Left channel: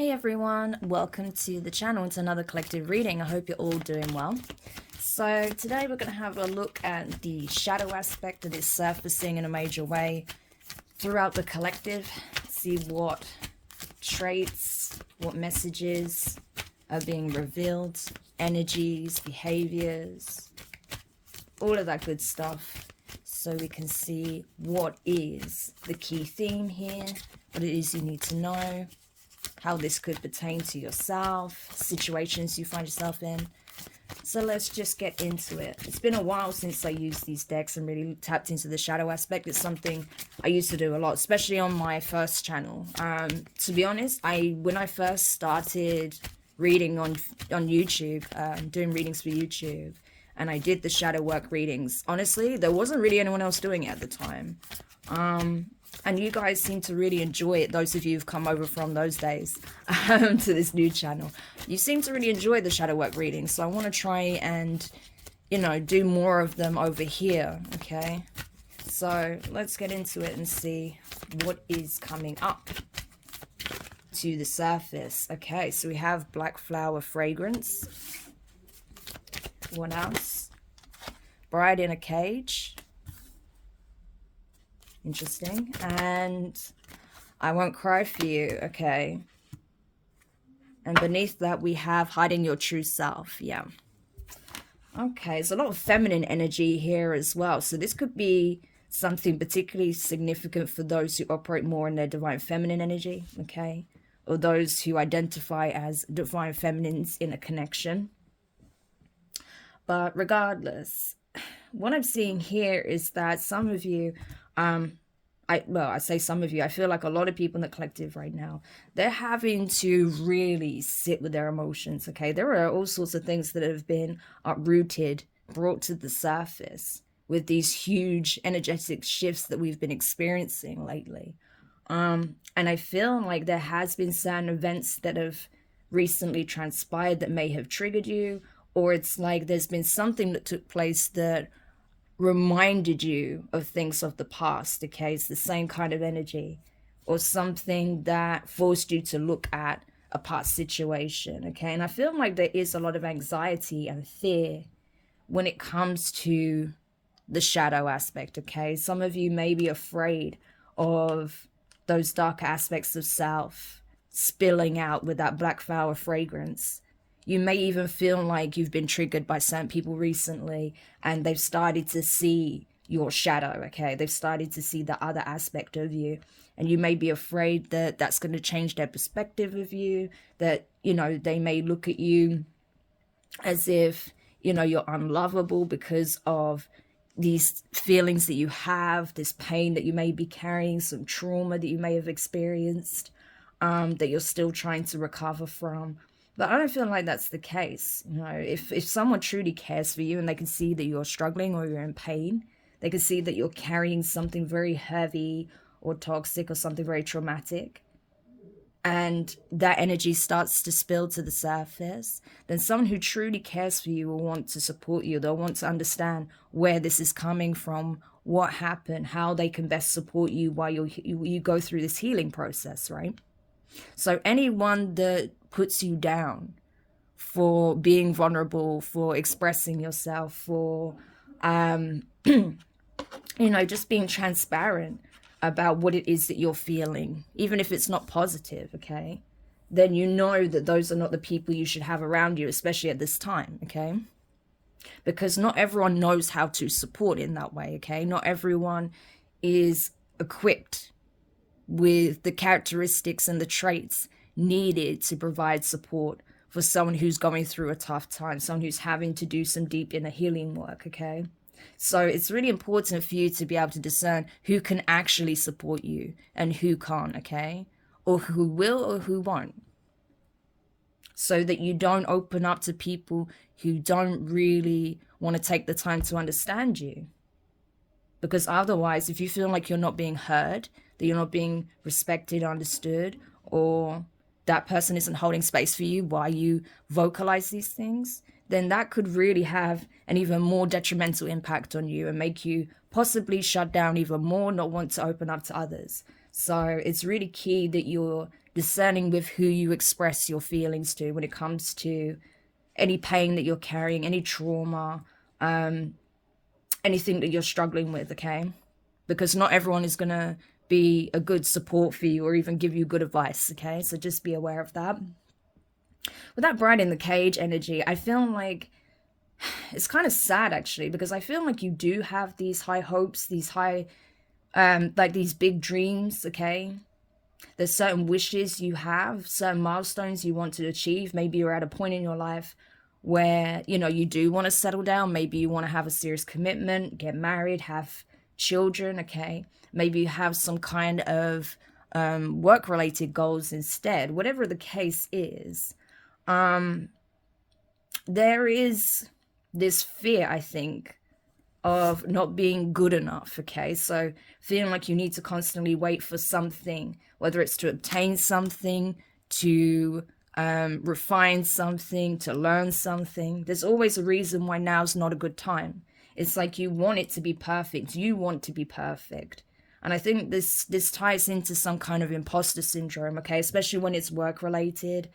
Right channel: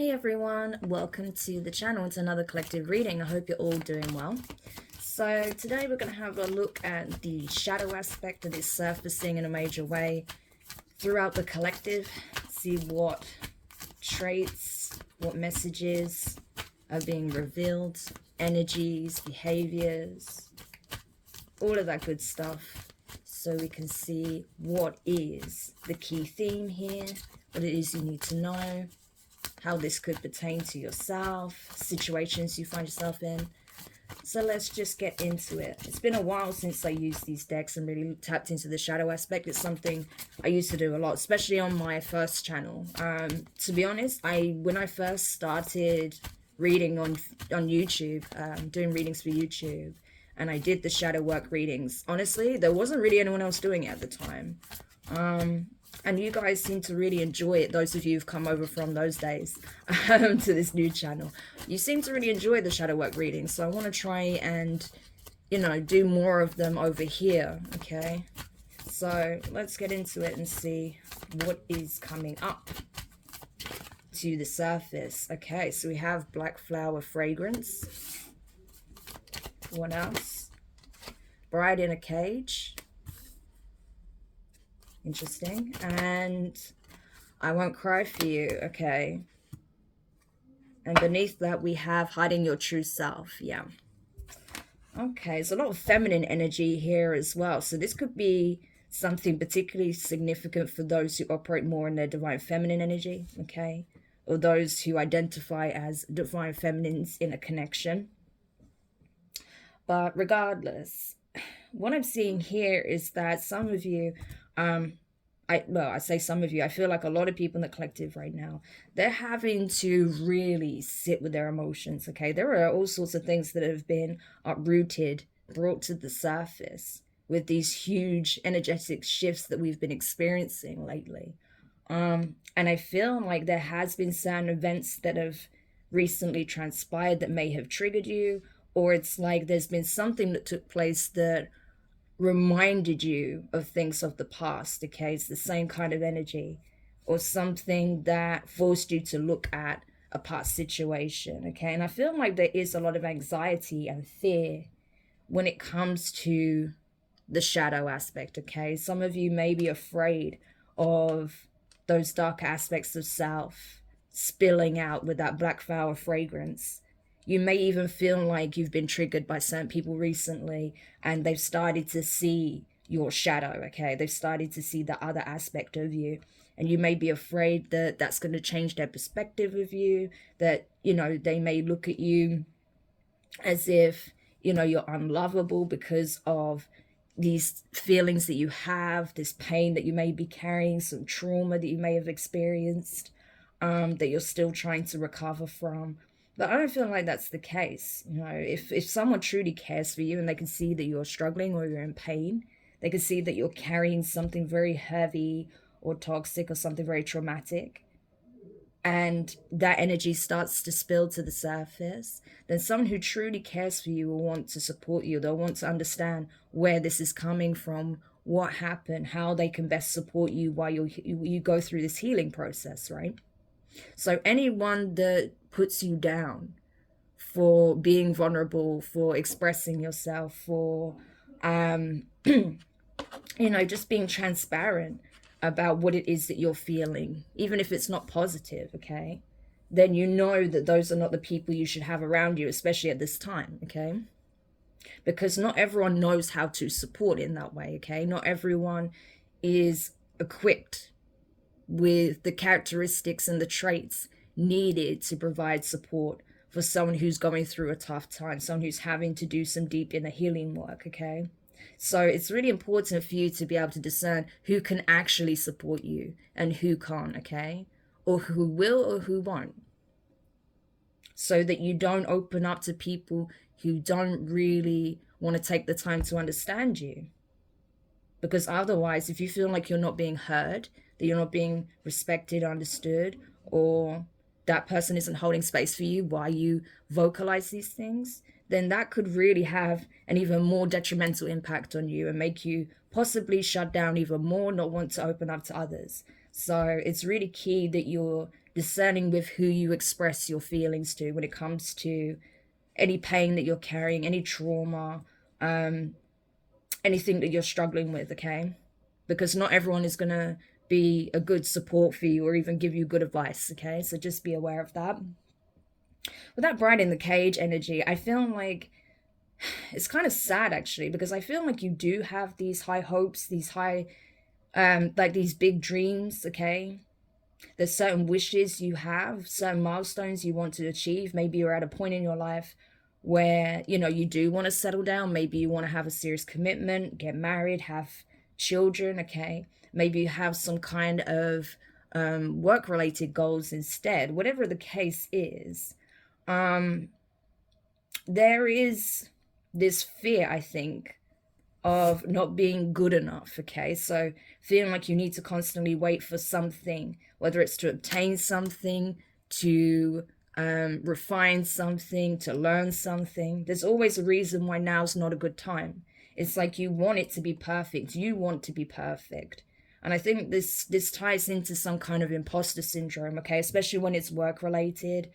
Hey everyone, welcome to the channel. It's another collective reading. I hope you're all doing well. So today we're going to have a look at the shadow aspect that is surfacing in a major way throughout the collective. See what traits, what messages are being revealed, energies, behaviors, all of that good stuff. So we can see what is the key theme here, what it is you need to know, how this could pertain to yourself, situations you find yourself in. So let's just get into it. It's been a while since I used these decks and really tapped into the shadow aspect. It's something I used to do a lot, especially on my first channel. To be honest, when I first started reading on YouTube, doing readings for YouTube, and I did the shadow work readings, honestly, there wasn't really anyone else doing it at the time. And you guys seem to really enjoy it, those of you who've come over from those days to this new channel. You seem to really enjoy the shadow work readings, so I want to try and, do more of them over here, okay? So let's get into it and see what is coming up to the surface. Okay, so we have black flower fragrance. What else? Bride in a cage. Interesting. And I won't cry for you. Okay. And beneath that we have hiding your true self. Yeah. Okay, there's a lot of feminine energy here as well. So this could be something particularly significant for those who operate more in their divine feminine energy. Okay. Or those who identify as divine feminines in a connection. But regardless, what I'm seeing here is that some of you, I say some of you, I feel like a lot of people in the collective right now, they're having to really sit with their emotions, okay? There are all sorts of things that have been uprooted, brought to the surface with these huge energetic shifts that we've been experiencing lately. And I feel like there has been certain events that have recently transpired that may have triggered you, or it's like there's been something that took place that reminded you of things of the past, okay? It's the same kind of energy, or something that forced you to look at a past situation, okay? And I feel like there is a lot of anxiety and fear when it comes to the shadow aspect, okay? Some of you may be afraid of those dark aspects of self spilling out with that black flower fragrance. You may even feel like you've been triggered by certain people recently and they've started to see your shadow, okay? They've started to see the other aspect of you. And you may be afraid that that's going to change their perspective of you, that, they may look at you as if, you're unlovable because of these feelings that you have, this pain that you may be carrying, some trauma that you may have experienced, that you're still trying to recover from. But I don't feel like that's the case. If someone truly cares for you and they can see that you're struggling or you're in pain, they can see that you're carrying something very heavy or toxic or something very traumatic, and that energy starts to spill to the surface, then someone who truly cares for you will want to support you. They'll want to understand where this is coming from, what happened, how they can best support you while you go through this healing process, right? So anyone that puts you down for being vulnerable, for expressing yourself, for just being transparent about what it is that you're feeling, even if it's not positive, okay, then you know that those are not the people you should have around you, especially at this time, okay? Because not everyone knows how to support in that way, okay? Not everyone is equipped with the characteristics and the traits needed to provide support for someone who's going through a tough time, someone who's having to do some deep inner healing work, okay? So it's really important for you to be able to discern who can actually support you and who can't, okay? Or who will or who won't. So that you don't open up to people who don't really want to take the time to understand you. Because otherwise, if you feel like you're not being heard, that you're not being respected, understood, or that person isn't holding space for you while you vocalize these things, then that could really have an even more detrimental impact on you and make you possibly shut down even more, not want to open up to others. So it's really key that you're discerning with who you express your feelings to when it comes to any pain that you're carrying, any trauma, anything that you're struggling with, okay? Because not everyone is going to be a good support for you or even give you good advice, okay? So just be aware of that. With that bride in the cage energy, I feel like it's kind of sad actually, because I feel like you do have these high hopes, these high, like these big dreams, okay? There's certain wishes you have, certain milestones you want to achieve. Maybe you're at a point in your life where, you know, you do want to settle down. Maybe you want to have a serious commitment, get married, have children, okay? Maybe you have some kind of work-related goals instead. Whatever the case is, there is this fear, I think, of not being good enough, okay? So feeling like you need to constantly wait for something, whether it's to obtain something, to refine something, to learn something. There's always a reason why now's not a good time. It's like you want it to be perfect. You want to be perfect. And I think this ties into some kind of imposter syndrome, okay? Especially when it's work related.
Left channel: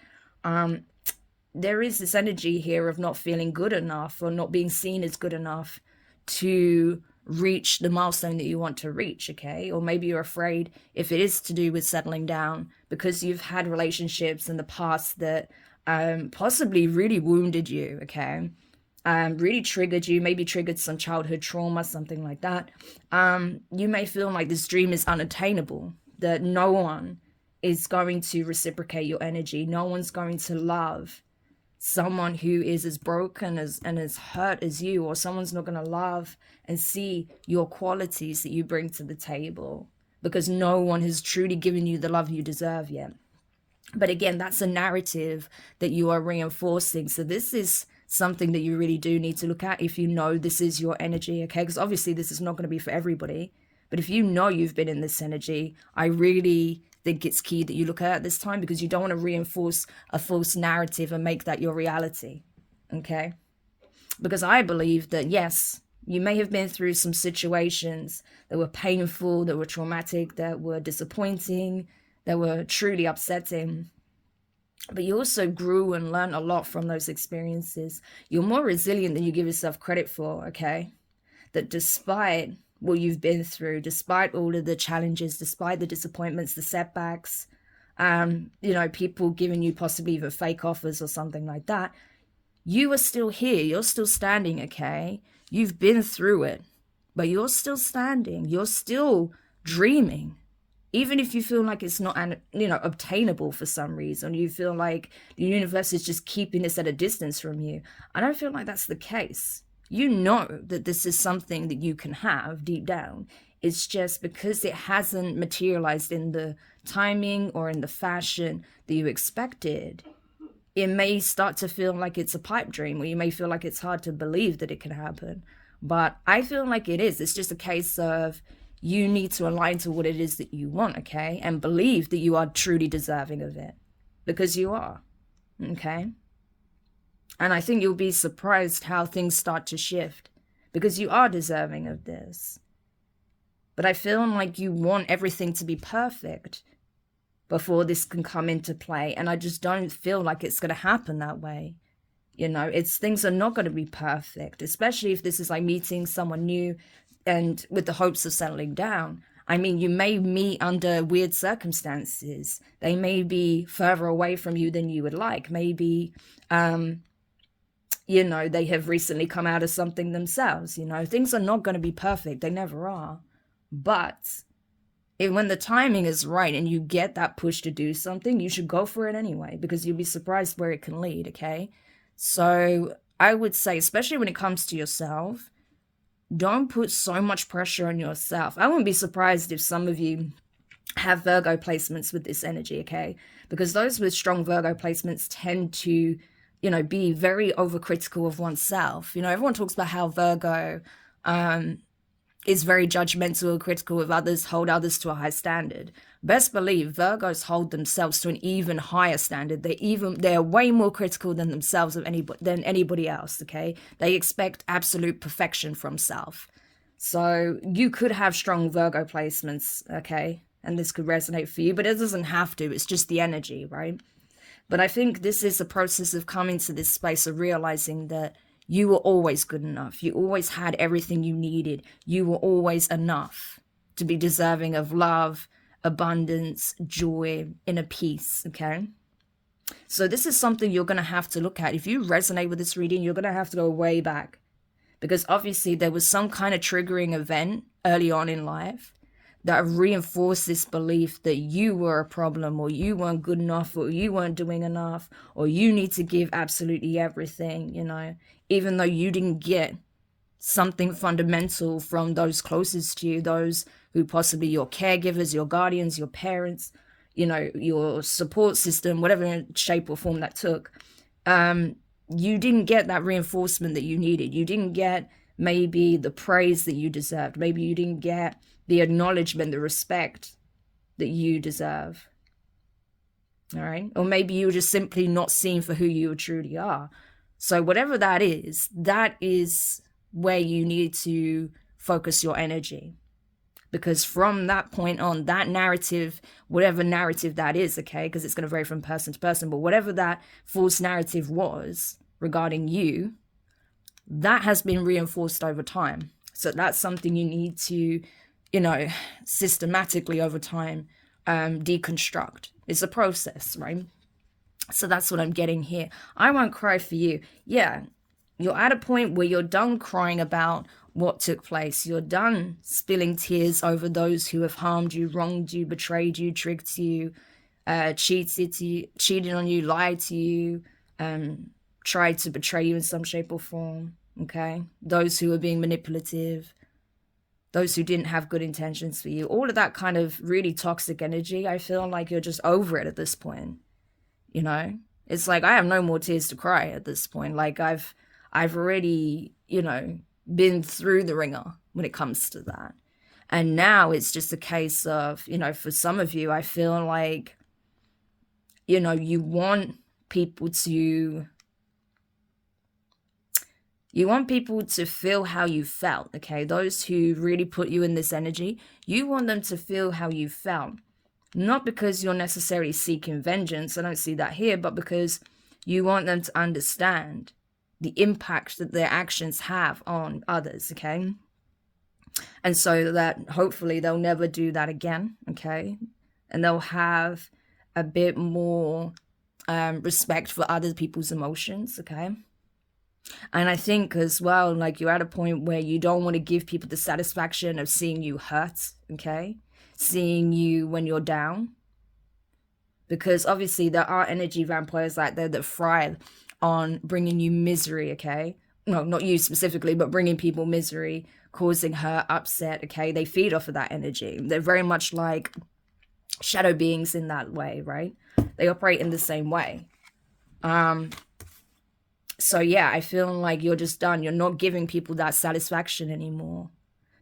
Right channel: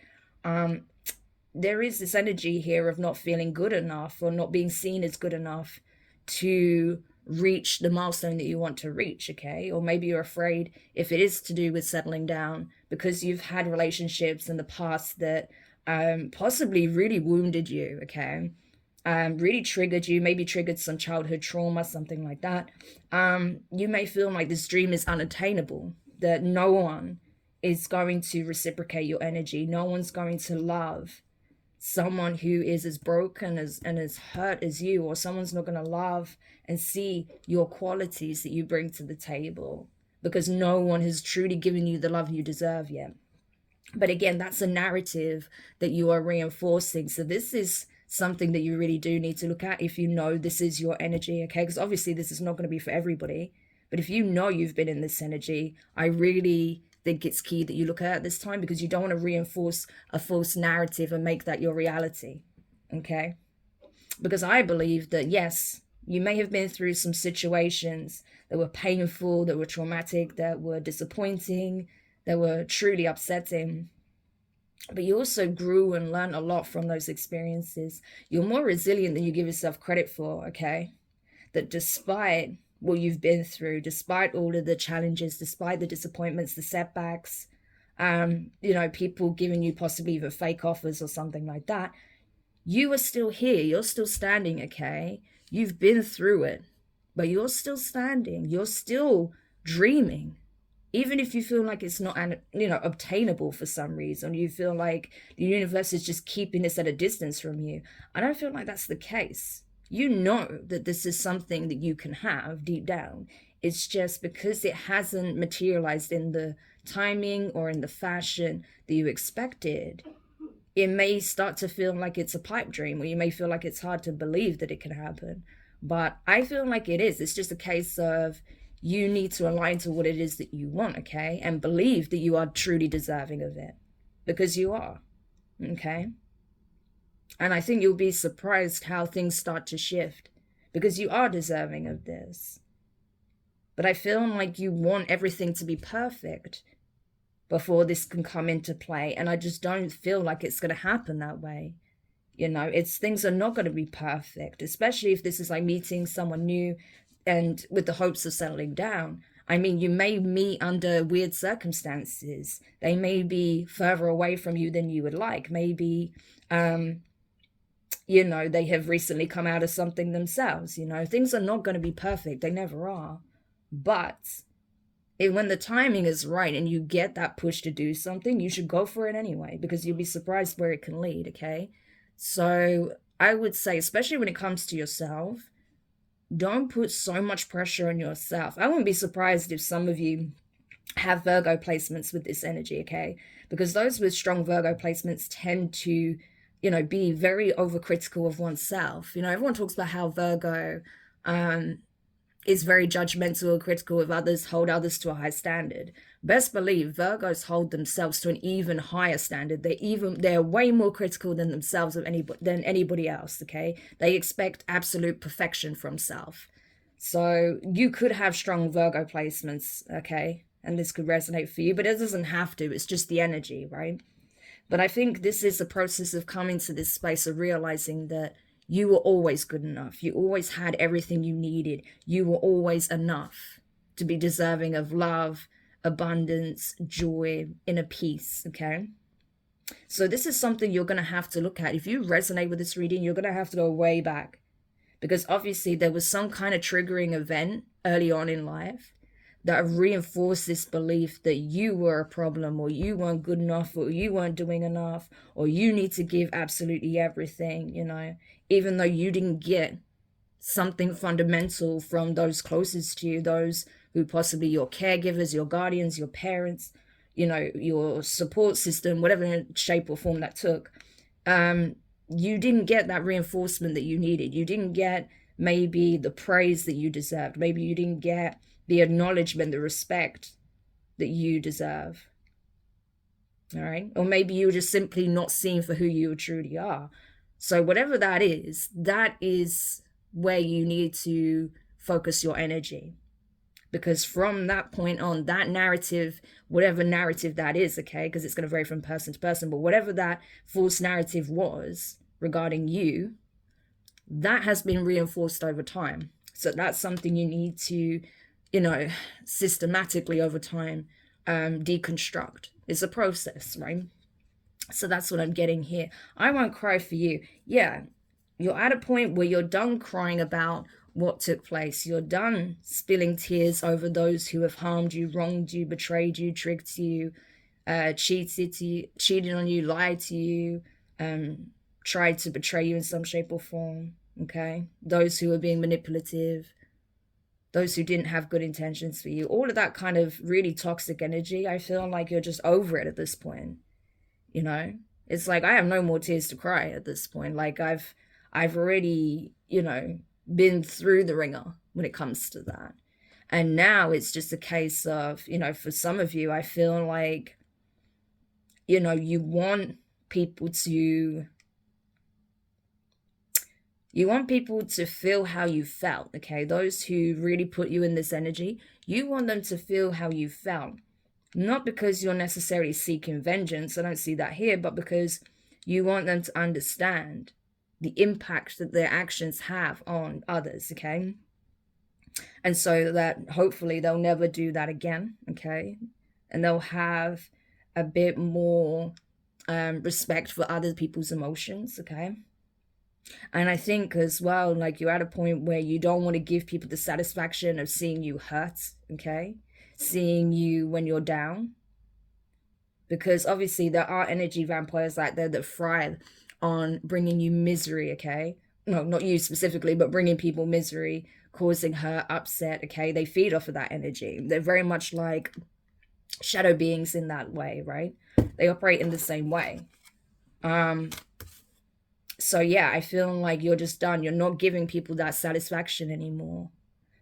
There is this energy here of not feeling good enough or not being seen as good enough to reach the milestone that you want to reach, okay? Or maybe you're afraid, if it is to do with settling down, because you've had relationships in the past that possibly really wounded you, okay? Really triggered you, maybe triggered some childhood trauma, something like that. You may feel like this dream is unattainable, that no one is going to reciprocate your energy. No one's going to love someone who is as broken and as hurt as you, or someone's not going to love and see your qualities that you bring to the table, because no one has truly given you the love you deserve yet. But again, that's a narrative that you are reinforcing. So this is something that you really do need to look at if you know this is your energy, okay? Because obviously this is not going to be for everybody. But if you know you've been in this energy, I really think it's key that you look at it this time, because you don't want to reinforce a false narrative and make that your reality, okay? Because I believe that, yes, you may have been through some situations that were painful, that were traumatic, that were disappointing, that were truly upsetting. But you also grew and learned a lot from those experiences. You're more resilient than you give yourself credit for, okay? That despite what you've been through, despite all of the challenges, despite the disappointments, the setbacks, you know, people giving you possibly even fake offers or something like that, you are still here. You're still standing, okay? You've been through it, but you're still standing. You're still dreaming. Even if you feel like it's not, you know, obtainable for some reason, you feel like the universe is just keeping this at a distance from you. I don't feel like that's the case. You know that this is something that you can have deep down. It's just because it hasn't materialized in the timing or in the fashion that you expected, it may start to feel like it's a pipe dream, or you may feel like it's hard to believe that it can happen. But I feel like it is. It's just a case of you need to align to what it is that you want, okay? And believe that you are truly deserving of it, because you are, okay? And I think you'll be surprised how things start to shift, because you are deserving of this. But I feel like you want everything to be perfect before this can come into play. And I just don't feel like it's going to happen that way. You know, things are not going to be perfect, especially if this is like meeting someone new and with the hopes of settling down. I mean, you may meet under weird circumstances. They may be further away from you than you would like. Maybe, you know, they have recently come out of something themselves. You know, things are not going to be perfect. They never are. But when the timing is right and you get that push to do something, you should go for it anyway, because you'll be surprised where it can lead, okay? So I would say, especially when it comes to yourself, don't put so much pressure on yourself. I wouldn't be surprised if some of you have Virgo placements with this energy, okay? Because those with strong Virgo placements tend to, you know, be very overcritical of oneself. You know, everyone talks about how Virgo is very judgmental or critical of others, hold others to a high standard. Best believe Virgos hold themselves to an even higher standard. They're way more critical than themselves than anybody else, okay? They expect absolute perfection from self. So you could have strong Virgo placements, okay? and this could resonate for you, but it doesn't have to. It's just the energy, right? But I think this is a process of coming to this space of realizing that you were always good enough. You always had everything you needed. You were always enough to be deserving of love, abundance, joy, inner peace, okay? So this is something you're going to have to look at. If you resonate with this reading, you're going to have to go way back, because obviously there was some kind of triggering event early on in life that reinforced this belief that you were a problem, or you weren't good enough, or you weren't doing enough, or you need to give absolutely everything, you know, even though you didn't get something fundamental from those closest to you, those who possibly your caregivers, your guardians, your parents, you know, your support system, whatever shape or form that took. You didn't get that reinforcement that you needed. You didn't get maybe the praise that you deserved. Maybe you didn't get the acknowledgement, the respect that you deserve. All right. Or maybe you were just simply not seen for who you truly are. So whatever that is where you need to focus your energy. Because from that point on, that narrative, whatever narrative that is, okay, because it's going to vary from person to person, but whatever that false narrative was regarding you, that has been reinforced over time. So that's something you need to, you know, systematically over time deconstruct. It's a process, right? So that's what I'm getting here. I won't cry for you. Yeah, you're at a point where you're done crying about what took place. You're done spilling tears over those who have harmed you, wronged you, betrayed you, tricked you, cheated on you, lied to you, tried to betray you in some shape or form, okay? Those who are being manipulative, those who didn't have good intentions for you, all of that kind of really toxic energy. I feel like you're just over it at this point, you know? It's like, I have no more tears to cry at this point. Like I've already, you know, been through the ringer when it comes to that. And now it's just a case of, you know, for some of you, I feel like, you know, you want people to feel how you felt, okay? Those who really put you in this energy, you want them to feel how you felt. Not because you're necessarily seeking vengeance, I don't see that here, but because you want them to understand the impact that their actions have on others, okay? And so that hopefully they'll never do that again, okay? And they'll have a bit more respect for other people's emotions, okay? And I think as well, like you're at a point where you don't want to give people the satisfaction of seeing you hurt, okay? Seeing you when you're down. Because obviously there are energy vampires out there that thrive on bringing you misery, okay? No, not you specifically, but bringing people misery, causing hurt, upset, okay? They feed off of that energy. They're very much like shadow beings in that way, right? They operate in the same way. So yeah, I feel like you're just done. You're not giving people that satisfaction anymore.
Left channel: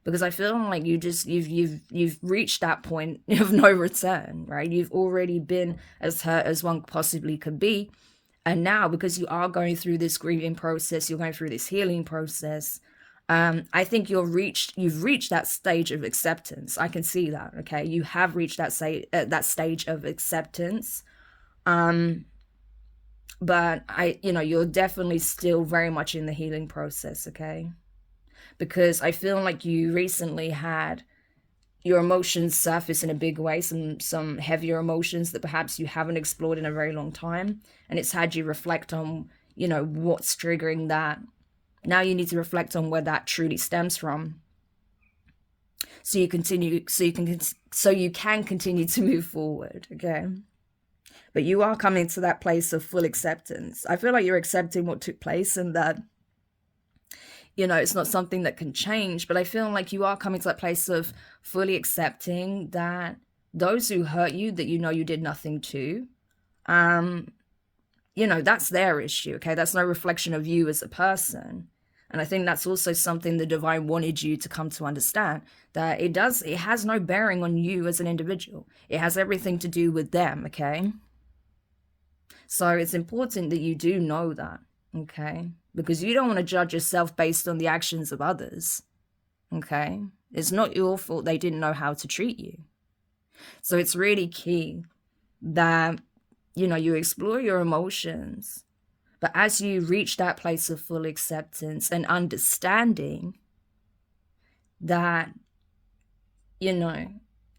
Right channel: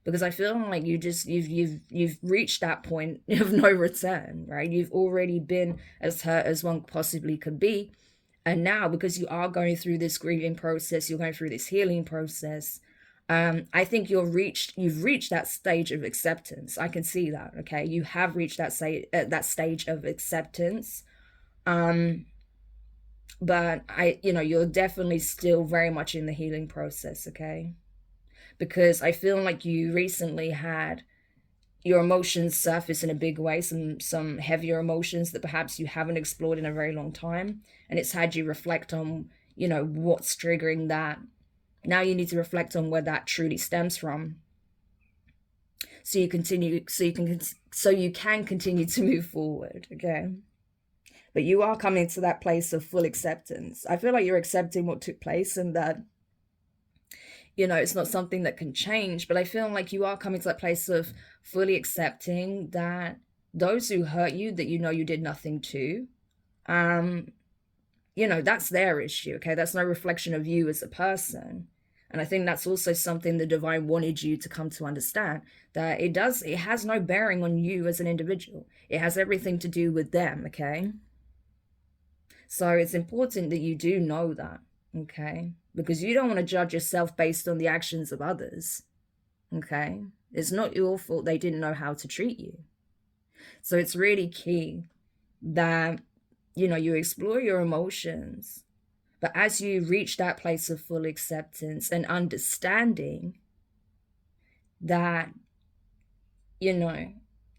Because I feel like you've reached that point of no return, right? You've already been as hurt as one possibly could be. And now, because you are going through this grieving process, you're going through this healing process, I think you've reached that stage of acceptance. I can see that, okay? You have reached that stage of acceptance. But you're definitely still very much in the healing process, okay? Because I feel like you recently had your emotions surface in a big way, some heavier emotions that perhaps you haven't explored in a very long time. And it's had you reflect on, you know, what's triggering that. Now you need to reflect on where that truly stems from. So you can continue to move forward, okay? But you are coming to that place of full acceptance. I feel like you're accepting what took place and that, you know, it's not something that can change, but I feel like you are coming to that place of fully accepting that those who hurt you, that you know you did nothing to, you know, that's their issue, okay? That's no reflection of you as a person. And I think that's also something the divine wanted you to come to understand, that it has no bearing on you as an individual. It has everything to do with them, okay? So it's important that you do know that, okay? Because you don't want to judge yourself based on the actions of others, okay? It's not your fault they didn't know how to treat you. So it's really key that, you know, you explore your emotions, but as you reach that place of full acceptance and understanding that, you know,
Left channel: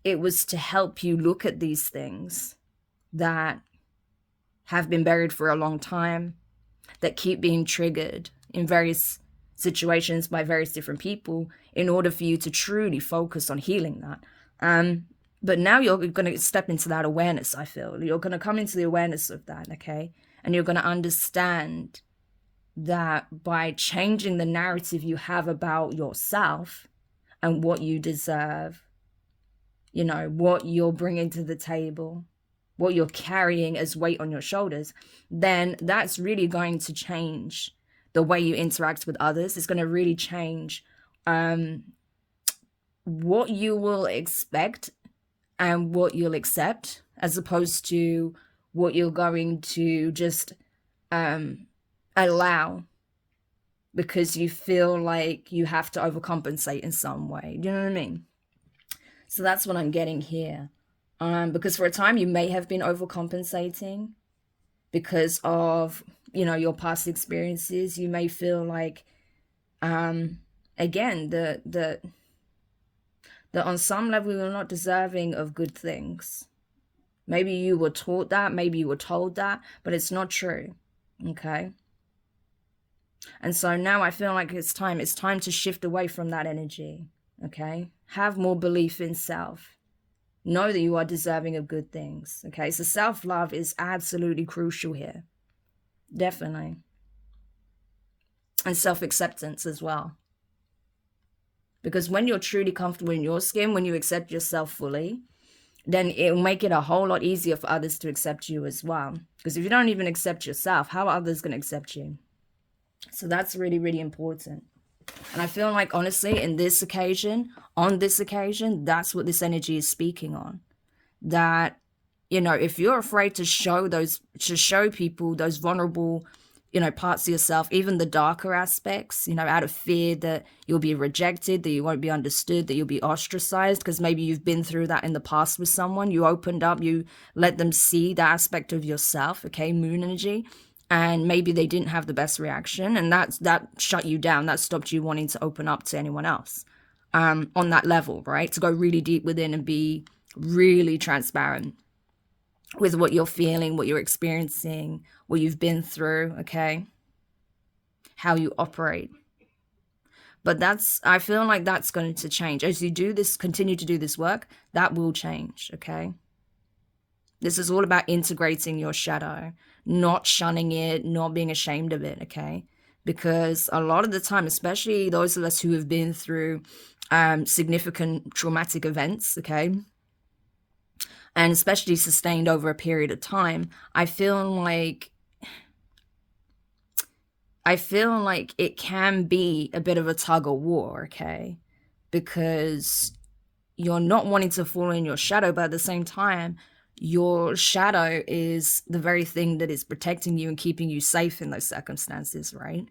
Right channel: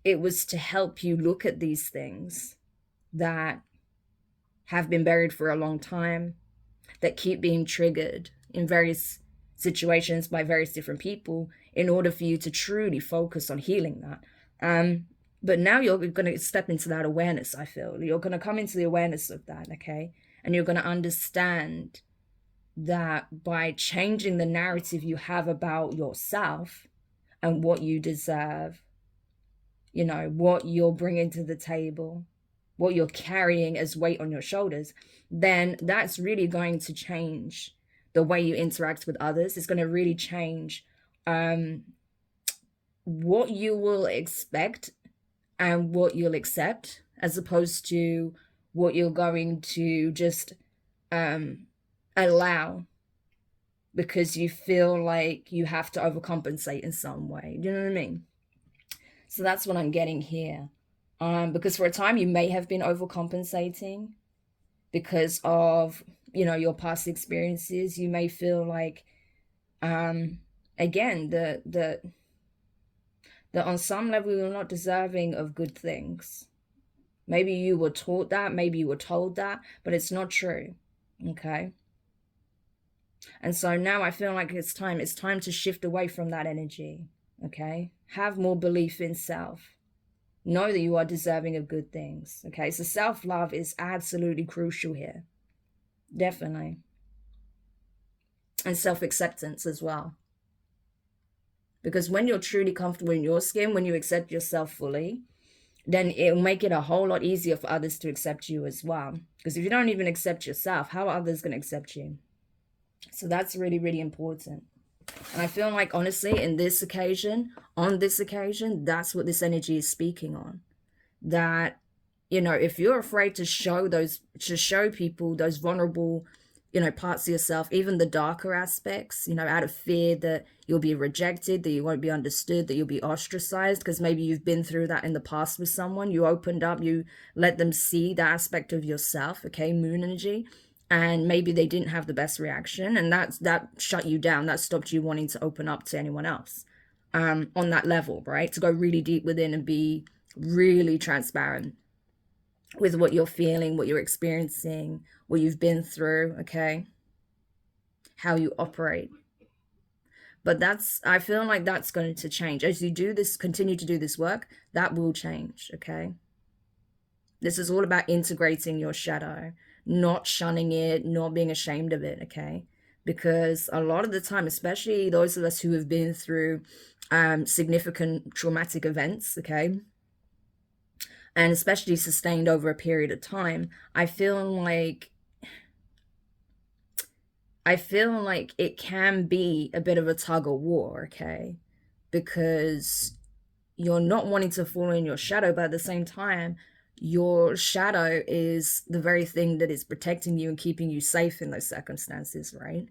it was to help you look at these things that have been buried for a long time, that keep being triggered in various situations by various different people, in order for you to truly focus on healing that. But now you're going to step into that awareness, I feel. You're going to come into the awareness of that, okay? And you're going to understand that by changing the narrative you have about yourself and what you deserve, you know, what you're bringing to the table, what you're carrying as weight on your shoulders, then that's really going to change the way you interact with others. It's going to really change what you will expect and what you'll accept, as opposed to what you're going to just allow because you feel like you have to overcompensate in some way. Do you know what I mean? So that's what I'm getting here. Because for a time you may have been overcompensating because of, you know, your past experiences. You may feel like, again, that on some level you're not deserving of good things. Maybe you were taught that, maybe you were told that, but it's not true, okay? And so now I feel like it's time to shift away from that energy, okay? Have more belief in self. Know that you are deserving of good things, okay? So self-love is absolutely crucial here, definitely. And self-acceptance as well. Because when you're truly comfortable in your skin, when you accept yourself fully, then it'll make it a whole lot easier for others to accept you as well. Because if you don't even accept yourself, how are others going to accept you? So that's really, really important. And I feel like, honestly, on this occasion, that's what this energy is speaking on. That, you know, if you're afraid to show people those vulnerable, you know, parts of yourself, even the darker aspects, you know, out of fear that you'll be rejected, that you won't be understood, that you'll be ostracized, because maybe you've been through that in the past with someone, you opened up, you let them see that aspect of yourself, okay, moon energy, and maybe they didn't have the best reaction, and that shut you down, that stopped you wanting to open up to anyone else on that level, right? To go really deep within and be really transparent with what you're feeling, what you're experiencing, what you've been through, okay? How you operate. But I feel like that's going to change. As you do this, continue to do this work, that will change, okay? This is all about integrating your shadow, not shunning it, not being ashamed of it, okay? Because a lot of the time, especially those of us who have been through significant traumatic events, okay, and especially sustained over a period of time, I feel like it can be a bit of a tug of war, okay? Because you're not wanting to fall in your shadow, but at the same time, your shadow is the very thing that is protecting you and keeping you safe in those circumstances, right?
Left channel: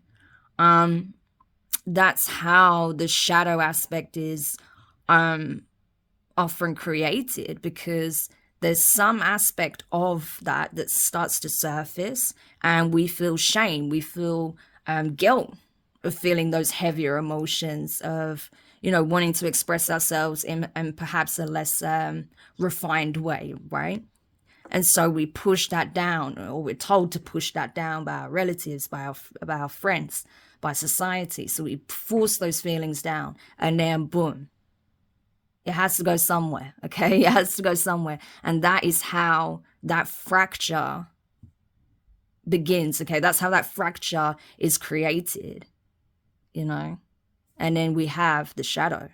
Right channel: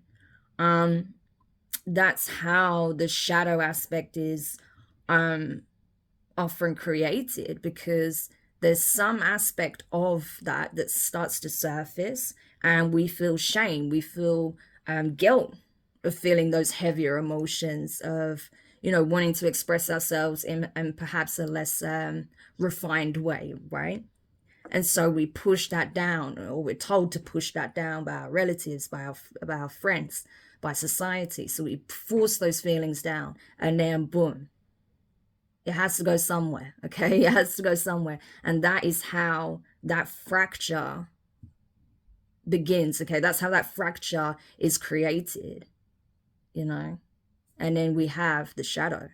That's how the shadow aspect is often created, because there's some aspect of that starts to surface, and we feel shame, we feel guilt of feeling those heavier emotions of, you know, wanting to express ourselves in perhaps a less refined way, right? And so we push that down, or we're told to push that down by our relatives, by our friends, by society. So we force those feelings down, and then boom, it has to go somewhere, okay? It has to go somewhere. And that is how that fracture begins, okay? That's how that fracture is created, you know? And then we have the shadow,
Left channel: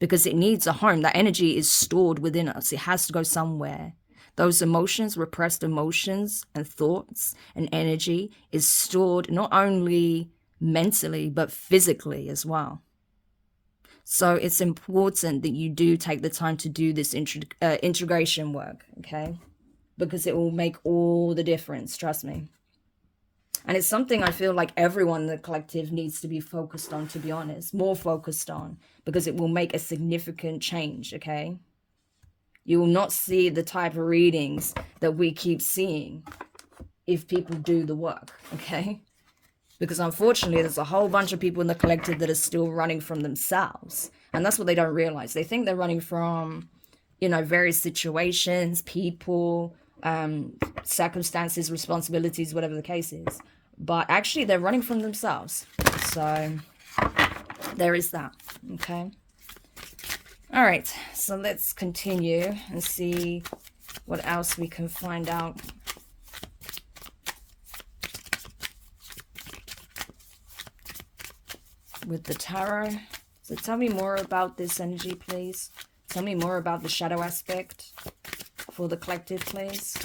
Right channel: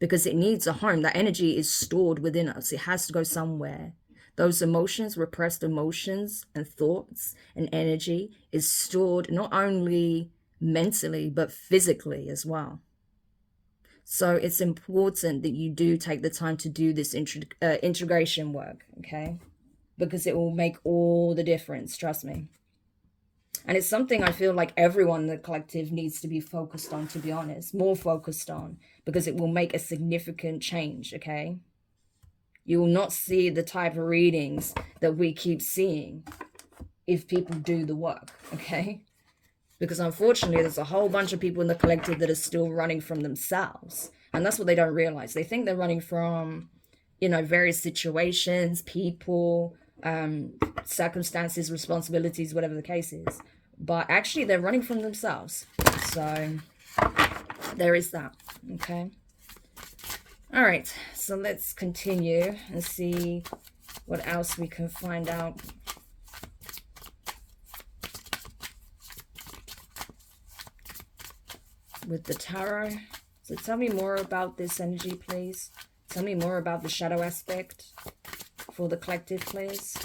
because it needs a home. That energy is stored within us. It has to go somewhere. Those emotions, repressed emotions and thoughts and energy, is stored not only mentally, but physically as well. So it's important that you do take the time to do this integration work, okay? Because it will make all the difference, trust me. And it's something I feel like everyone in the collective needs to be focused on, to be honest, more focused on, because it will make a significant change, okay? You will not see the type of readings that we keep seeing if people do the work, okay? Because unfortunately, there's a whole bunch of people in the collective that are still running from themselves. And that's what they don't realize. They think they're running from, you know, various situations, people, circumstances, responsibilities, whatever the case is. But actually, they're running from themselves. So there is that, okay? All right, so let's continue and see what else we can find out. With the tarot. So tell me more about this energy, please. Tell me more about the shadow aspect for the collective, please.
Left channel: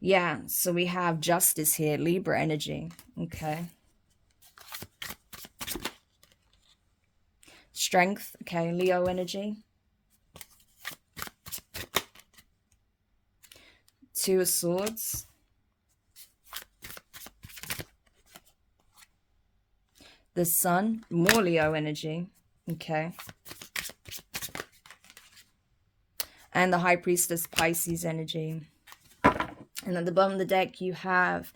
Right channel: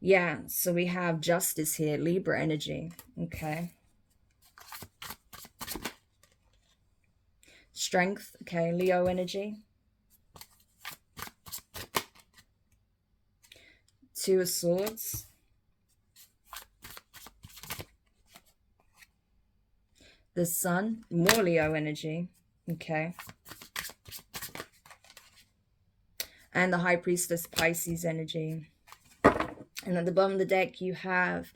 Yeah, so we have justice here, Libra energy. Okay. Strength, okay, Leo energy. Two of Swords. The Sun, more Leo energy. Okay. And the High Priestess, Pisces energy. And at the bottom of the deck, you have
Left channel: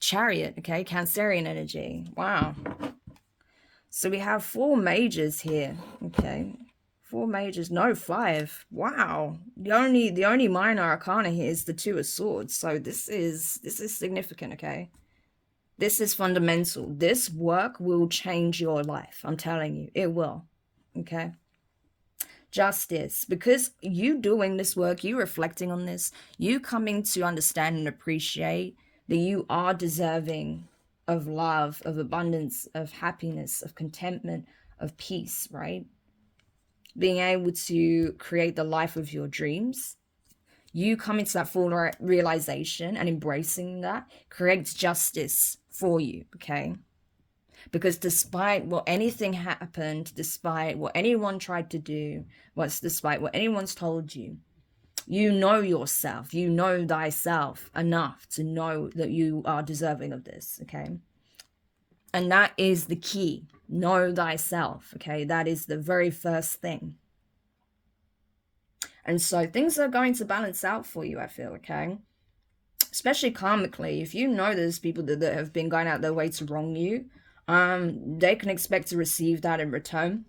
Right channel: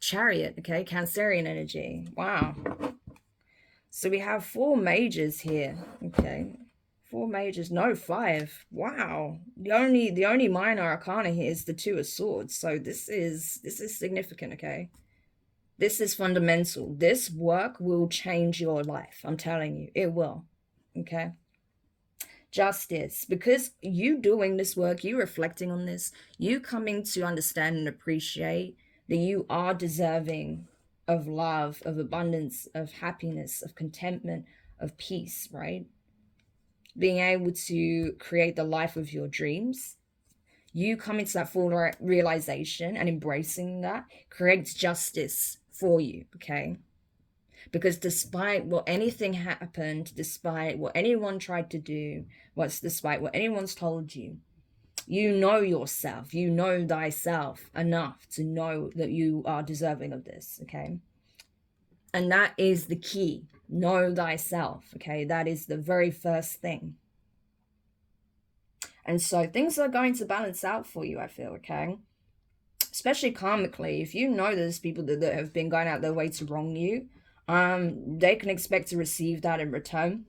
Chariot, okay, Cancerian energy. Wow. So we have 4 majors here, okay. 4 majors, no 5. Wow. The only minor arcana here is the Two of Swords. So this is significant, okay. This is fundamental. This work will change your life. I'm telling you, it will. Okay. Justice. Because you doing this work, you reflecting on this, you coming to understand and appreciate that you are deserving of love, of abundance, of happiness, of contentment, of peace, right? Being able to create the life of your dreams. You coming to that full realization and embracing that creates justice for you, okay? Because despite what anything happened, despite what anyone tried to do, despite what anyone's told you, you know yourself, you know thyself enough to know that you are deserving of this, okay? And that is the key. Know thyself, okay? That is the very first thing. And so things are going to balance out for you, I feel, okay? Especially karmically, if you know there's people that have been going out their way to wrong you, they can expect to receive that in return.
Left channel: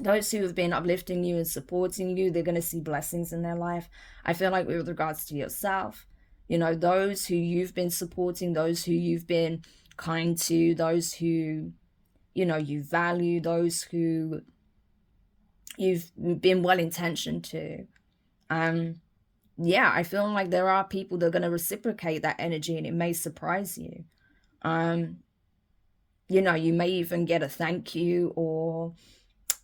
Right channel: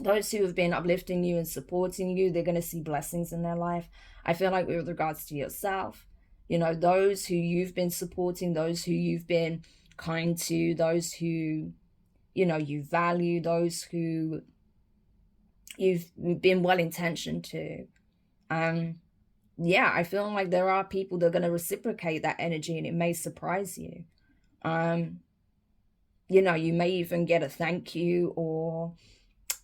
Those who have been uplifting you and supporting you, they're going to see blessings in their life. I feel like with regards to yourself, you know, those who you've been supporting, those who you've been kind to, those who, you know, you value, those who you've been well-intentioned to, yeah, I feel like there are people that are going to reciprocate that energy, and it may surprise you. You know, you may even get a thank you, or,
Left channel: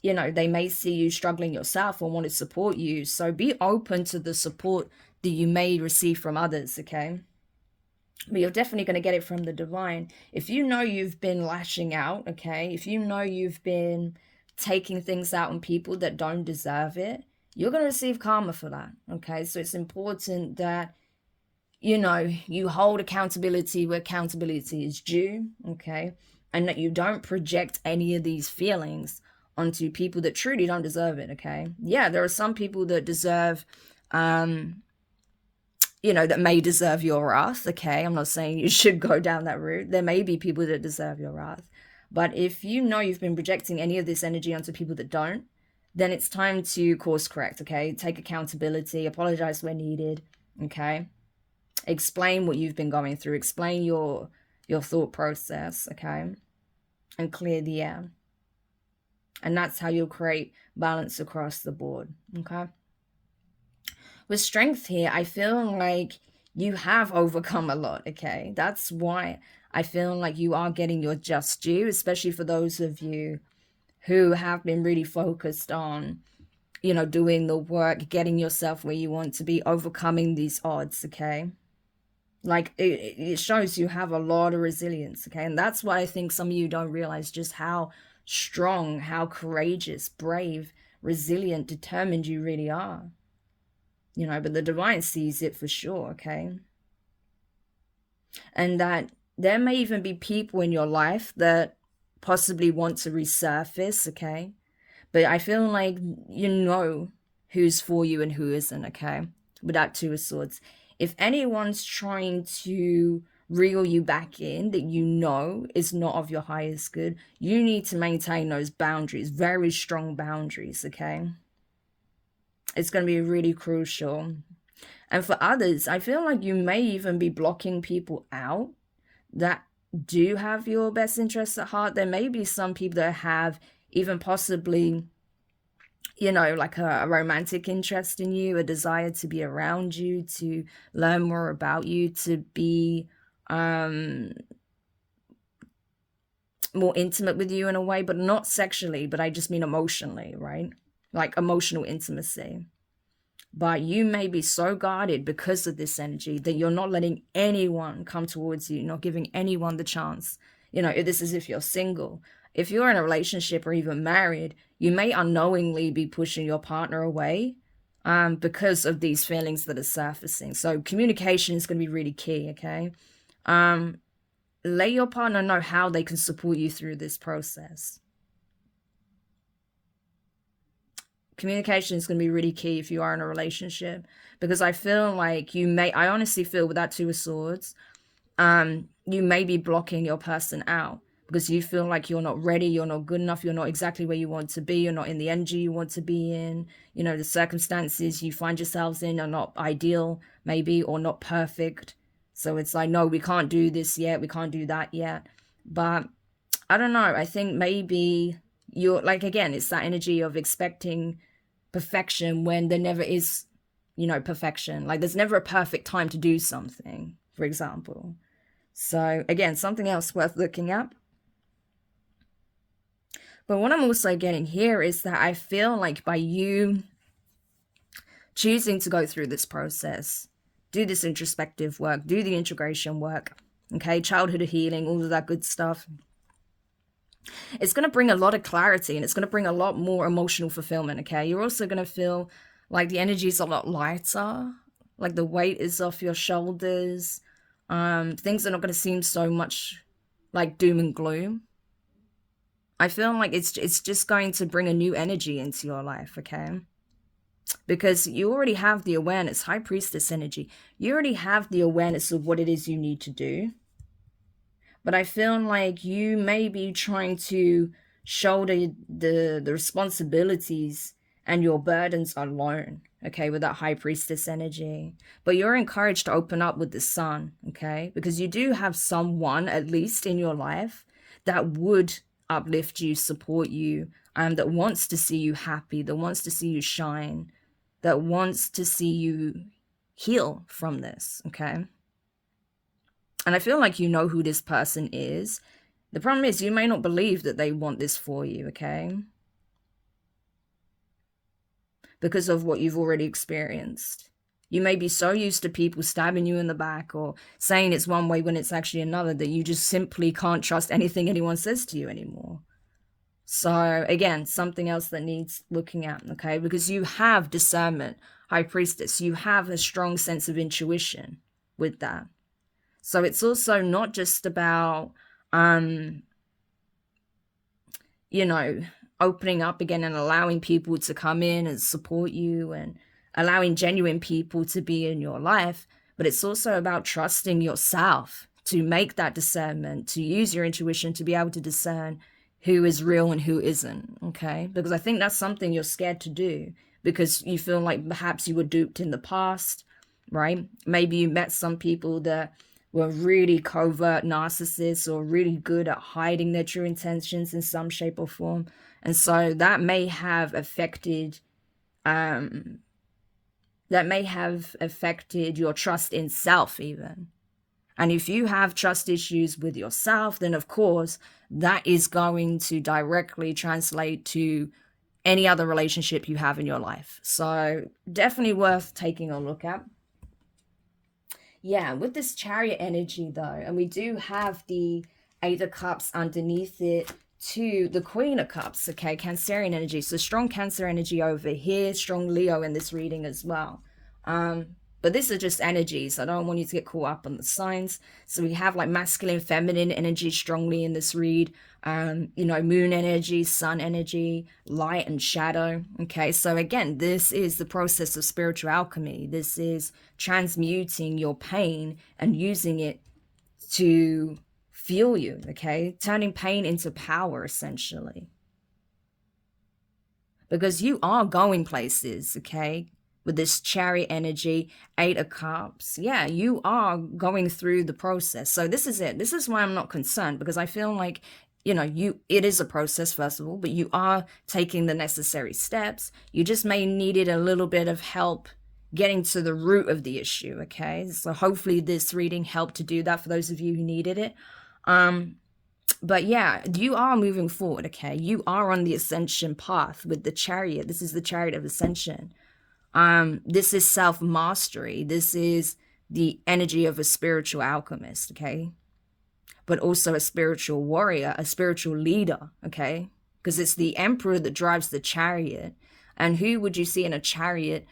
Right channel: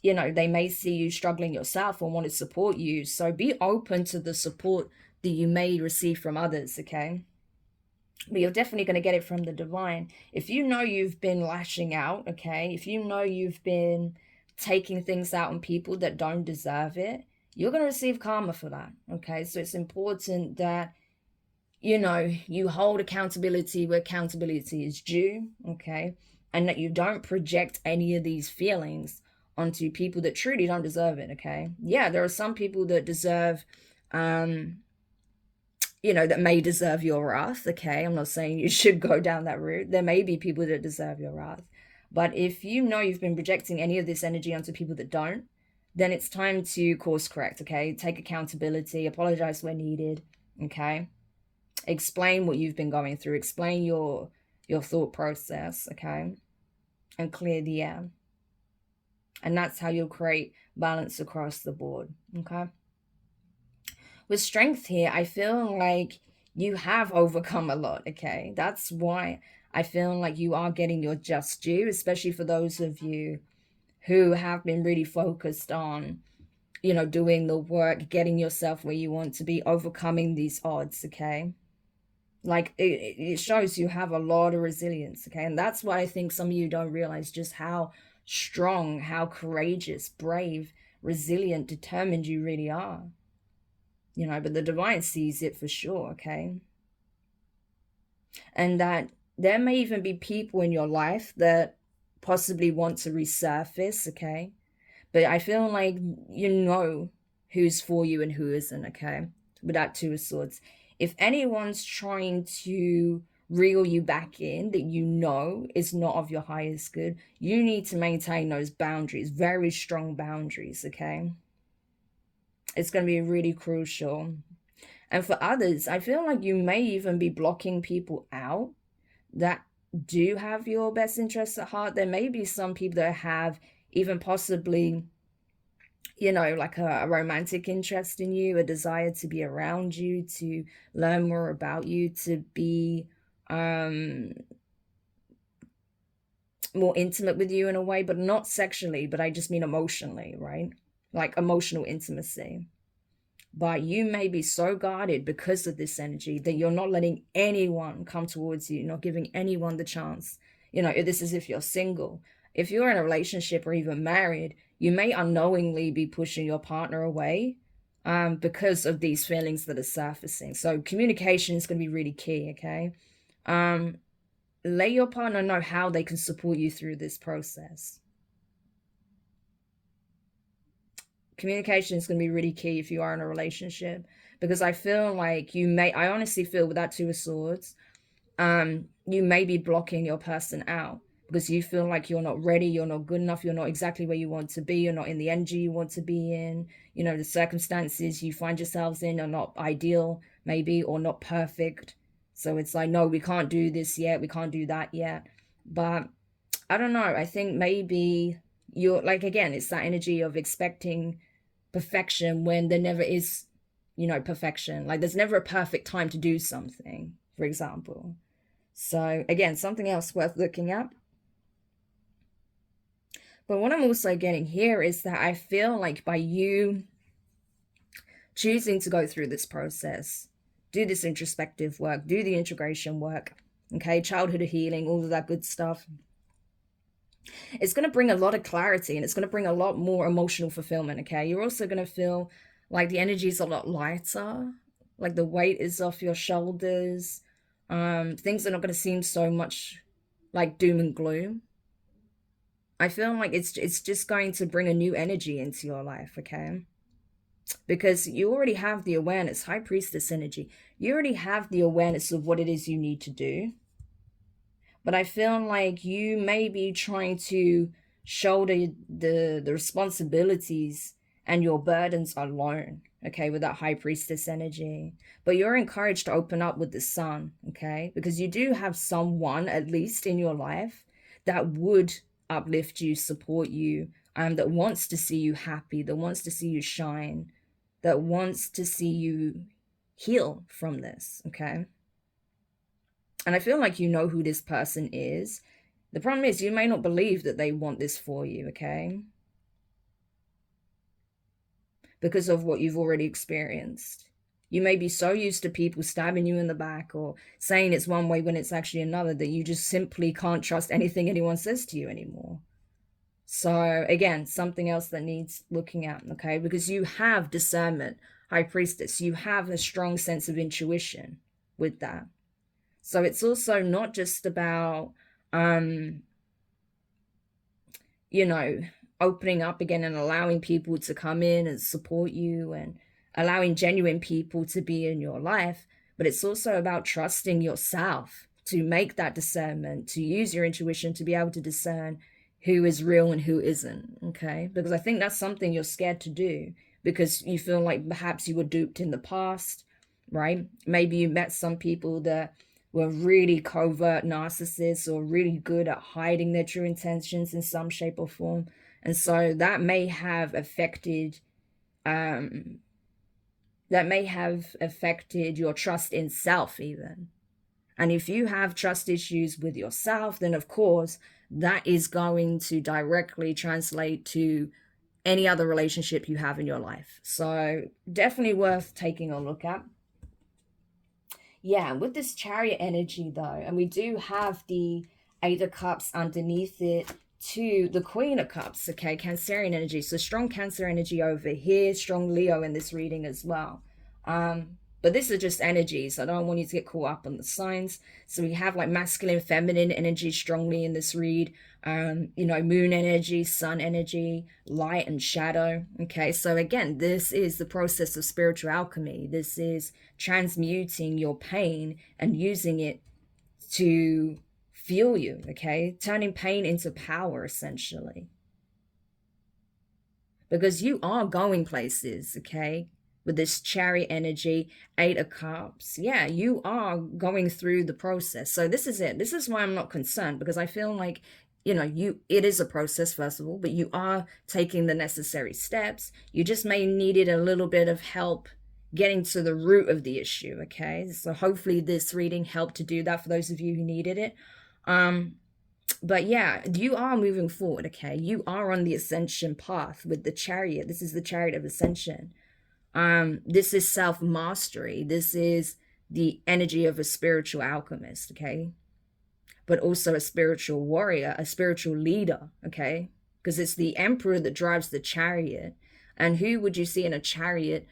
you know, they may see you struggling yourself and want to support you. So be open to the support that you may receive from others, okay? But you're definitely going to get it from the divine. If you know you've been lashing out, okay? If you know you've been taking things out on people that don't deserve it, you're going to receive karma for that, okay? So it's important that, you know, you hold accountability where accountability is due, okay? And that you don't project any of these feelings onto people that truly don't deserve it, okay? Yeah, there are some people that deserve, you know, that may deserve your wrath, okay? I'm not saying you should go down that route. There may be people that deserve your wrath. But if you know you've been projecting any of this energy onto people that don't, then it's time to course correct, okay? Take accountability, apologize where needed, okay? Explain what you've been going through, explain your thought process, okay? And clear the air. And that's how you'll create balance across the board, okay? With strength here, I feel like you have overcome a lot, okay? That's why I feel like you are getting your just due, especially for those of you who have been really focused on, you know, doing the work, getting yourself where you want to be, overcoming these odds, okay? Like, it shows you have a lot of resilience, okay? And that's why I think some of you don't realize just how strong, how courageous, brave, resilient, determined you really are. You know, but the divine sees it for sure, okay? And that there may even be people in your life that possibly want to resurface, okay? But I feel like, you know, who's for you and who isn't, okay? With that Two of Swords. If anyone's trying to reel you back in that you know is not of your highest good, you need to maintain those boundaries, very strong boundaries, okay? It's going to be really crucial. And for others, I feel like you may even be blocking people out that do have your best interests at heart. There may be some people that have even possibly, you know, like a romantic interest in you, a desire to be around you, to learn more about you, to be more intimate with you in a way, but not sexually, but I just mean emotionally, right? Like emotional intimacy. But you may be so guarded because of this energy that you're not letting anyone come towards you, not giving anyone the chance. You know, this is if you're single. If you're in a relationship or even married, you may unknowingly be pushing your partner away because of these feelings that are surfacing. So communication is going to be really key, okay? Let your partner know how they can support you through this process. Communication is going to be really key if you are in a relationship, because I feel like I honestly feel with that Two of Swords, you may be blocking your person out because you feel like you're not ready, you're not good enough, you're not exactly where you want to be, you're not in the energy you want to be in, you know, the circumstances you find yourselves in are not ideal, maybe, or not perfect. So it's like, no, we can't do this yet, we can't do that yet. But I don't know, I think maybe you're like, again, it's that energy of expecting perfection when there never is, you know, perfection. Like there's never a perfect time to do something, for example. So again, something else worth looking at. But what I'm also getting here is that I feel like by you choosing to go through this process, do this introspective work, do the integration work, okay, childhood healing, all of that good stuff, it's going to bring a lot of clarity and it's going to bring a lot more emotional fulfillment, okay? You're also going to feel like the energy is a lot lighter, like the weight is off your shoulders. Things are not going to seem so much like doom and gloom. I feel like it's just going to bring a new energy into your life, okay? Because you already have the awareness, High Priestess energy. You already have the awareness of what it is you need to do. But I feel like you may be trying to shoulder the responsibilities and your burdens alone, okay, with that High Priestess energy. But you're encouraged to open up with the Sun, okay? Because you do have someone, at least in your life, that would uplift you, support you, that wants to see you happy, that wants to see you shine, that wants to see you heal from this, okay? And I feel like you know who this person is. The problem is you may not believe that they want this for you, okay? Because of what you've already experienced. You may be so used to people stabbing you in the back or saying it's one way when it's actually another that you just simply can't trust anything anyone says to you anymore. So again, something else that needs looking at, okay? Because you have discernment, High Priestess. You have a strong sense of intuition with that. So it's also not just about, you know, opening up again and allowing people to come in and support you and allowing genuine people to be in your life, but it's also about trusting yourself to make that discernment, to use your intuition to be able to discern who is real and who isn't, okay? Because I think that's something you're scared to do because you feel like perhaps you were duped in the past, right? Maybe you met some people that were really covert narcissists or really good at hiding their true intentions in some shape or form. And so that may have affected your trust in self even. And if you have trust issues with yourself, then of course that is going to directly translate to any other relationship you have in your life. So definitely worth taking a look at. Yeah, with this Chariot energy though, and we do have the Eight of Cups underneath it to the Queen of Cups, okay, Cancerian energy. So strong Cancer energy over here, strong Leo in this reading as well. But this is just energies. I don't want you to get caught up on the signs. So we have like masculine, feminine energy strongly in this read. you know, moon energy, sun energy, light and shadow. Okay, so again, this is the process of spiritual alchemy. This is transmuting your pain and using it to fuel you. Okay, turning pain into power, essentially, because you are going places. Okay, with this Chariot energy, 8 of Cups, yeah, you are going through the process. So this is it. This is why I'm not concerned, because I feel like, you know, it is a process, first of all, but you are taking the necessary steps. You just may needed a little bit of help getting to the root of the issue. Okay, so hopefully this reading helped to do that for those of you who needed it. But yeah, you are moving forward. Okay, you are on the ascension path with the Chariot. This is the Chariot of Ascension. This is self-mastery. This is the energy of a spiritual alchemist, okay? But also a spiritual warrior, a spiritual leader, okay? Because it's the emperor that drives the chariot. And who would you see in a chariot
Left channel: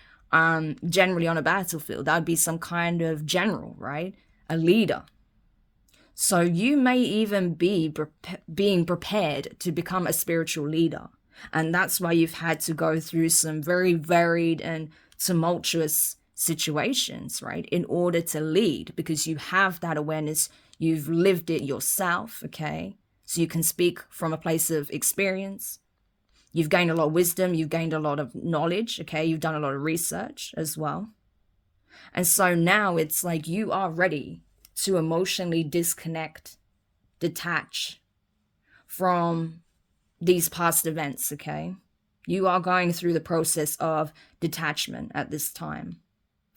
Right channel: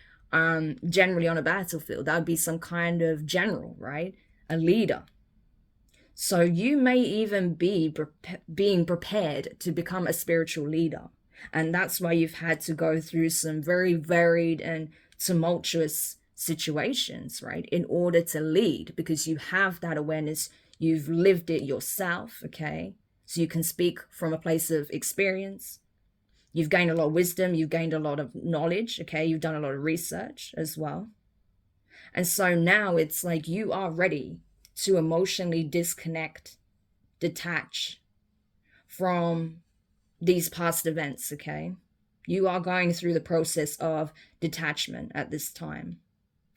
generally on a battlefield? That would be some kind of general, right? A leader. So you may even be being prepared to become a spiritual leader. And that's why you've had to go through some very varied and tumultuous situations, right? In order to lead, because you have that awareness, you've lived it yourself, okay? So you can speak from a place of experience. You've gained a lot of wisdom, you've gained a lot of knowledge, okay? You've done a lot of research as well. And so now it's like you are ready to emotionally disconnect, detach from these past events, okay? You are going through the process of detachment at this time.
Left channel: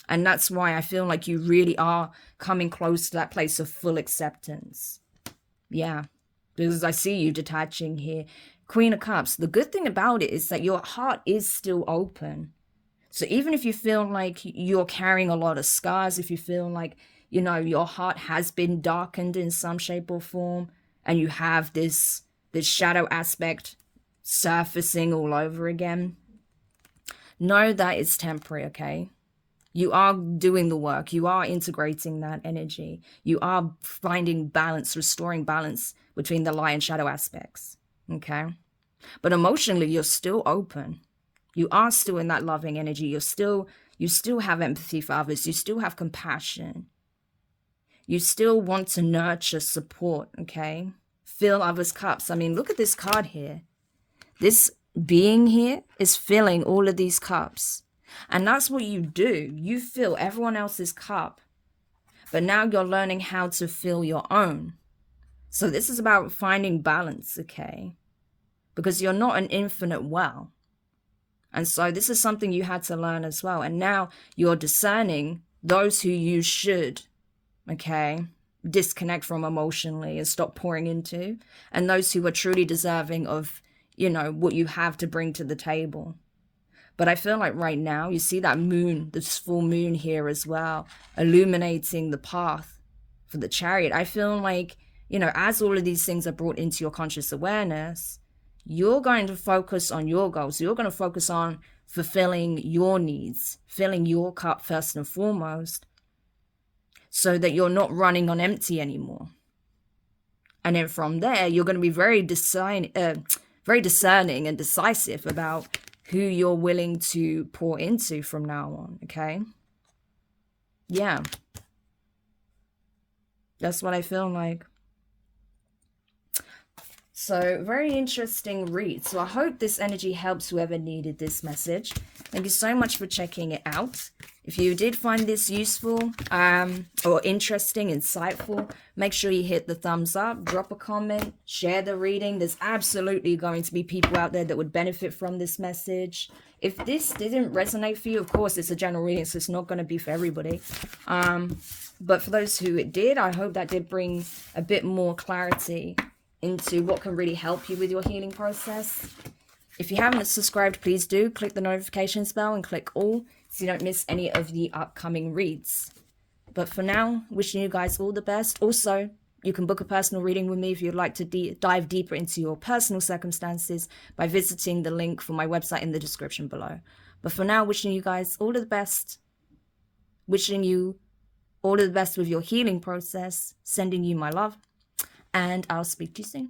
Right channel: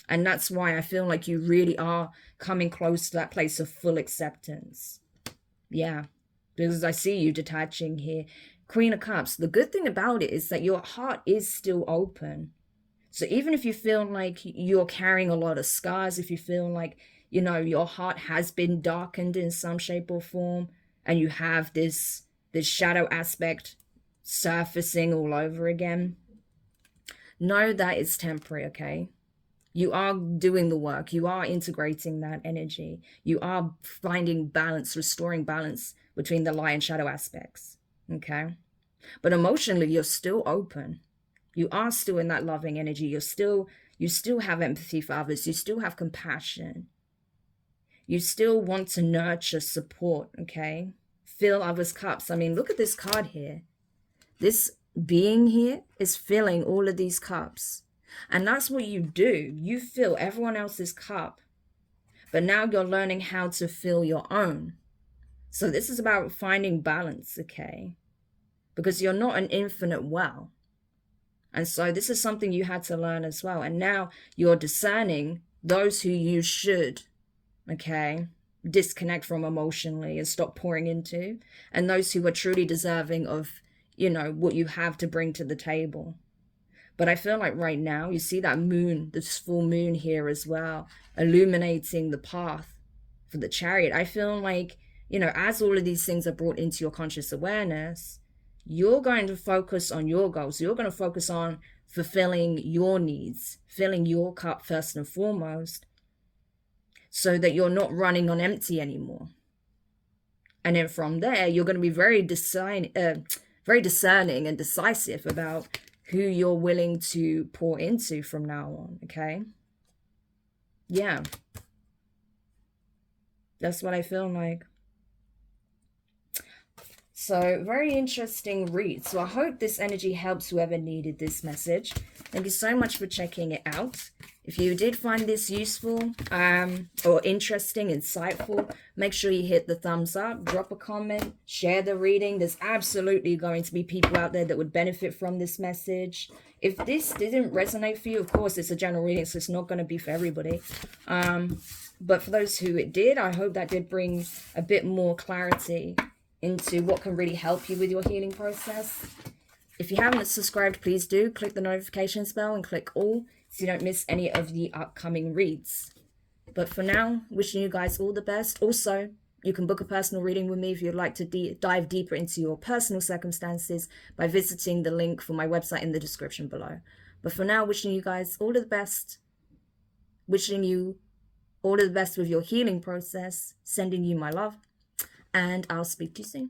And that's why I feel like you really are coming close to that place of full acceptance. Yeah, because I see you detaching here. Queen of Cups. The good thing about it is that your heart is still open. So even if you feel like you're carrying a lot of scars, if you feel like, you know, your heart has been darkened in some shape or form, and you have this shadow aspect surfacing all over again, know that it's temporary, okay? You are doing the work. You are integrating that energy. You are finding balance, restoring balance between the light and shadow aspects, okay? But emotionally, you're still open. You are still in that loving energy. You still have empathy for others. You still have compassion. You still want to nurture, support, okay? Fill others' cups. I mean, look at this card here. This being here is filling all of these cups. And that's what you do. You fill everyone else's cup. But now you're learning how to fill your own. So this is about finding balance, okay? Because you're not an infinite well. And so this is something you had to learn as well. And now you're discerning those who you should, okay, disconnect from emotionally and stop pouring into, and those who are truly deserving of, you know, what you have to bring to the table. But I feel like right now, you see that moon, this full moon here as well, illuminating the path for the Chariot. I feel like, you know, as all of these things are brought into your conscious awareness, you're going to focus on your goals. You're going to focus on fulfilling your needs, filling your cup first and foremost, so that you're not running on empty anymore. And then from there, you're going to be very discerning and decisive about who you're willing to pour into from now on, okay? Yeah. That's what I feel like. So, very interesting read. So I hope this energy helps whoever needed this message. Thank you so much for checking it out. If you did find this useful or interesting, insightful, make sure you hit the thumbs up, drop a comment, share the reading. There's absolutely going to be people out there that would benefit from this message. If this didn't resonate for you, of course, it's a general reading, so it's not going to be for everybody. But for those who it did, I hope that did bring a bit more clarity into what can really help you with your healing process. If you haven't subscribed, please do. Click the notifications bell and click all so you don't miss any of the upcoming reads. But for now, wishing you guys all the best. Also, you can book a personal reading with me if you'd like to dive deeper into your personal circumstances by visiting the link for my website in the description below. But for now, wishing you guys all of the best. Wishing you all of the best with your healing process. Sending you my love. And I'll speak to you soon.